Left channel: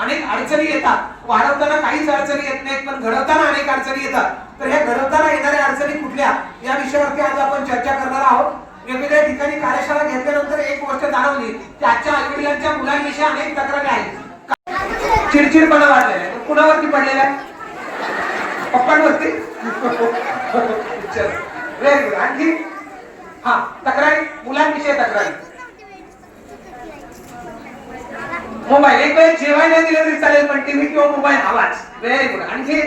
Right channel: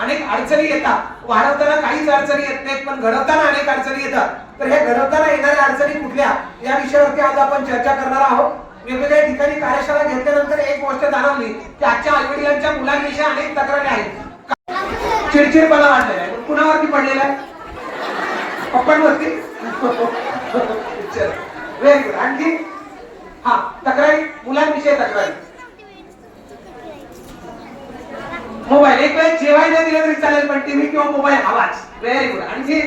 अनेक अडचणी येतात. वाढवताना काहीच अडचणी येत नाहीत, पण घडवताना अनेक अडचणी येतात. तर हे घडवताना येणाऱ्या अडचणी कुठल्या, या विषयावरती आज आपण चर्चा करणार आहोत. वेगवेगळ्या ठिकाणी कार्यशाळा घेतल्यानंतर एक गोष्ट जाणवली की आजच्या आईवडिलांच्या मुलांविषयी अनेक तक्रारी आहेत. चिडचिडपणा वाढलेला आहे. कुणावरती पडलेला आहे? पप्पांवरती. Very good. आणखी हा तक्रारी, मुलांविषयी तक्रारी. मोबाईल, एक वेळ जेवायला नाही दिलं तरी चालेल, पण टीव्ही किंवा मोबाईल हवाच. Very good. आणखी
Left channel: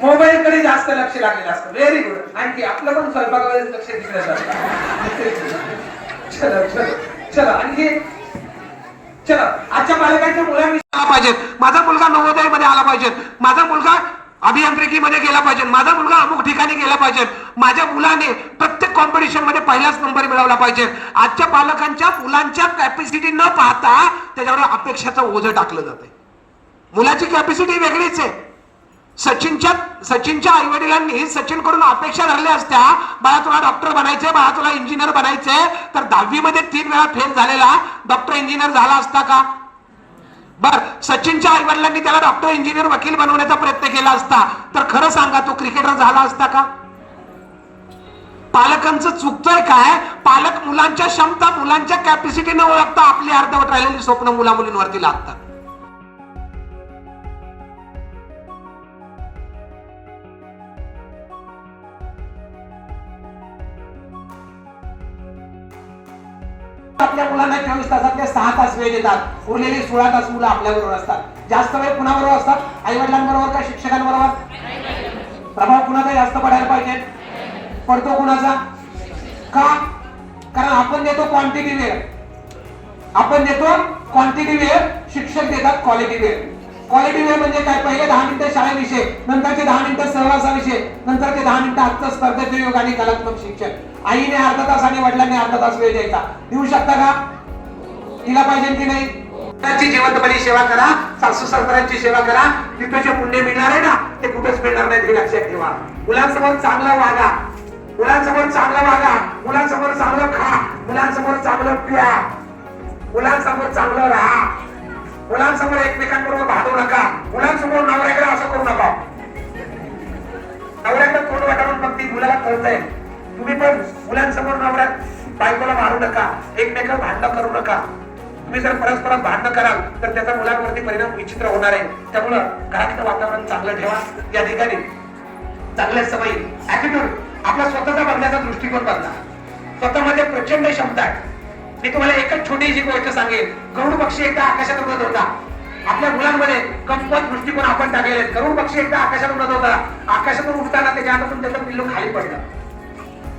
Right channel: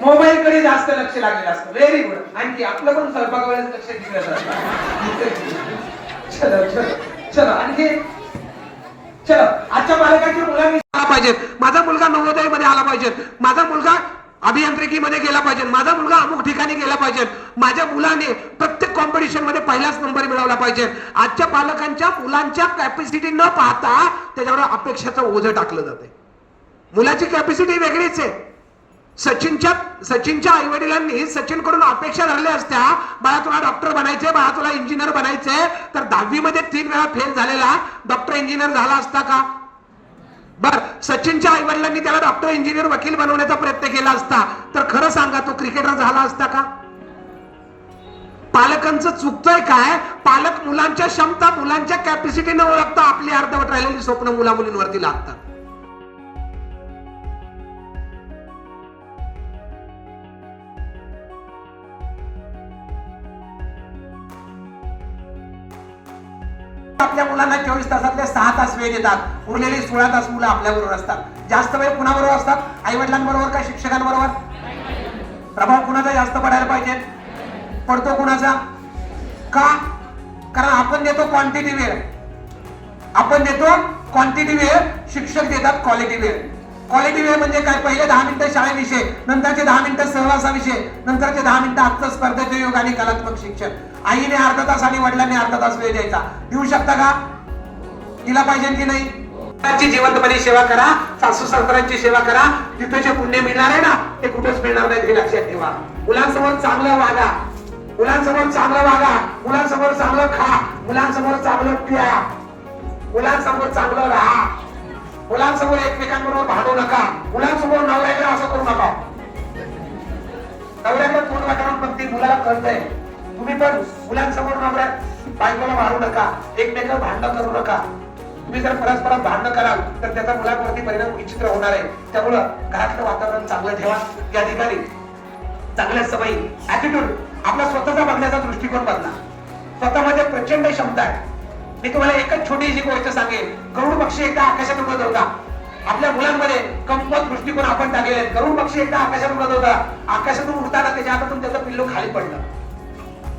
मोबाईल कडे जास्त लक्ष लागलेलं असतं. Very good. आणखी आपलं पण स्वयंपाकाकडे लक्ष दिलं जातं. चलो चलो चलो. आणखी चलो. आजच्या पालकांच्या मुलांनी आला पाहिजे, माझा मुलगा नवोदय मध्ये आला पाहिजे, माझा मुलगा अभियांत्रिकीमध्ये गेला पाहिजे, माझा मुलगा अमुक ठिकाणी गेला पाहिजे, माझ्या मुलाने प्रत्येक कॉम्पिटिशन मध्ये पहिलाच नंबर मिळवला पाहिजे. आजच्या पालकांच्या मुलांच्या कॅपॅसिटी न पाहता त्याच्यावर अपेक्षाचं ओझं टाकलं जाते. मुलाची कॅपॅसिटी वेगळीच आहे. सचिनच्या आई वडिलांनी सचिन कडून अपेक्षा धरल्या असत्या, बाळा तुला डॉक्टर बनायचे, बाळा तुला इंजिनियर बनायचे, तर 10वी मध्ये 3 वेळा फेल झालेला डॉक्टर इंजिनियर झाला असता का? बर, सचिनच्या आई वडिलांनी त्याला डॉक्टर इंजिनियर वकील बनवण्याचा प्रयत्न केला असता तर खरं सांगा तो क्रिकेटर झाला असता का? पालकांचं चुकतंय काय? पालक मुलांच्या क्षमता, मुलांच्या कॅपॅसिटी न ओळखता आपली अर्धवट राहिलेली स्वप्न मुला मुलींवरती लादतात. आपल्या मुलांना 24 तासातले 6 तास वेळ देतात, उरलेली 16 तास मुलं आपल्याबरोबर असतात. जास्त वेळ कुणाबरोबर असतात? आई वडिलांबरोबर का शिक्षकांबरोबर? प्रभाव कुणाचा जास्त पडायला पाहिजे? पडतो कुणाचा? का? कारण आपण देतो क्वांटिटी वेळ, आपण देतो क्वांटिटी वेळ, शिक्षक देतात क्वालिटी वेळ. क्वालिटी वेळ म्हणजे काय? पहिले 10 मिनिटं शाळेविषयी, नंतरचे 10 मिनिटं सहवासाविषयी, नंतरचे 10 मिनिटं आजचं स्पर्धेचे योग आणि कलात्मक शिक्षण. आईने अर्धा तास आणि वडिलांनी अर्धा तास वेळ द्यायचा. देऊ शकता का? दिला पाहिजे की नाही? जिवंतपणे सेवा करा, सासू सासऱ्यांची सेवा करा, तिथे जे पुण्य मिळणार आहे ना ते कुठेच मिळणार नाही, हे लक्षात ठेवा. मुलांसमोर चांगलं वागा, मुलांसमोर चांगलं वागा, मुलांसमोर चांगलं खा, मुलांसमोर चांगलं प्या, मुलांसमोर चांगलं राहा, मुलांसमोर एकमेकांबरोबर भांडू नका, मुलांसमोर नवऱ्याकडे असं करू नका. नवऱ्याकडे तोंड वाटावून मग ती मुलाला कळतंय. तुम्ही पण मुलांसमोर नवऱ्या बायकोला मारू नका, एकमेकांना भांडण करू नका. तुम्ही जर परस्पर भांडण कराल तर त्याचा मुलांवरती परिणाम विचित्र होणार आहे. त्यामुळं घरातलं वातावरण चांगलं ठेवा. या ठिकाणी चांगल्या सवयी, ऍटिट्यूड, आपला स्वतःचा बघण्याचा दृष्टिकोन बदला. स्वतःमध्ये प्रचंड क्षमता आहे. मी तुम्हाला एकच छोटीशी गोष्ट सांगेन. गरुड पक्षी एकदा आकाशात उडत होता. आपल्या मुलांमध्ये कमकुवत दृष्टिकोन आपण टाकलेले. गरुड पक्षी एकदा आकाशात उडत होता. आकाशातून उडताना त्याच्या हातातून त्याचं पिल्लू खाली पडलं.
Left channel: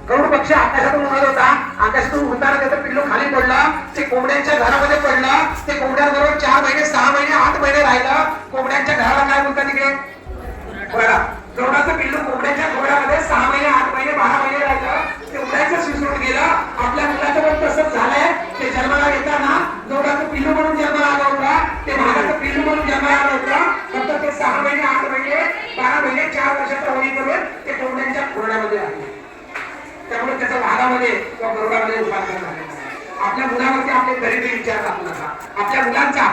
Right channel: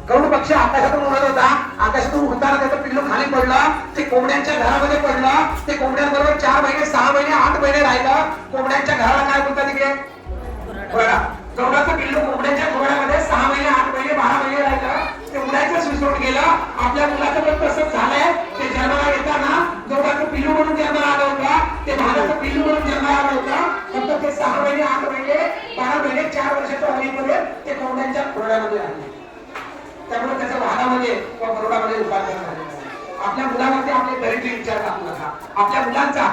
गरुड पक्षी आकाशातून उडत होता. आकाशातून उडताना त्याचं पिल्लू खाली पडलं. ते कोंबड्यांच्या घरामध्ये पडलं. ते कोंबड्यांबरोबर 4 महिने, 6 महिने, 8 महिने राहिलं. कोंबड्यांच्या घराला काय बोलतात तिकडे? घोडा. गरुडाचं पिल्लू कोंबड्यांच्या घोड्यामध्ये 6 महिने, 8 महिने, 12 महिने राहिलं. ते उडायचं सुचून गेलं. आपल्या मुलाचं पण तसंच झालंय. ते जन्माला येताना गरुडाचं पिल्लू म्हणून जन्माला आलं होतं. ते भागाचं पिल्लू म्हणून जन्माला आलं होतं. फक्त ते 6 महिने, 8 महिने, 12 महिने, 4 वर्षाचं होईपर्यंत ते कोंबड्यांच्या घोड्यामध्ये राहिले. त्यामुळे त्याच्या भागामध्ये किंवा गरुडामध्ये रूपांतर झालेलं आहे. आपल्या मुलावरती आपले दरिद्र विचार टाकू नका. आपल्या मुलांचा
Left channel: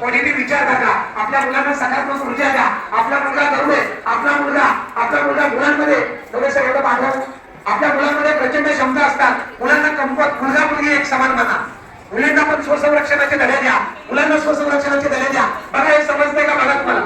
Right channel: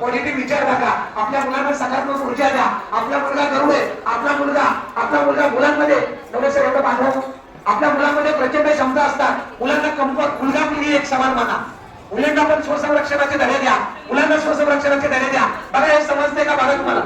पॉझिटिव्ह विचार टाका. आपल्या मुलांना सकारात्मक ऊर्जा द्या. आपला मुलगा गरुड आहे. आपला मुलगा मुलांमध्ये थोडंसं एवढं पाठवा. आपल्या मुलांमध्ये प्रचंड क्षमता असतात. मुलांना कमकुवत, मुलगा मुलगी एक समान माना. मुलींना पण स्वसंरक्षणाचे धडे द्या. मुलांना स्वसंरक्षणाचे धडे द्या. बघा हे समजतंय का? बघा तुम्हाला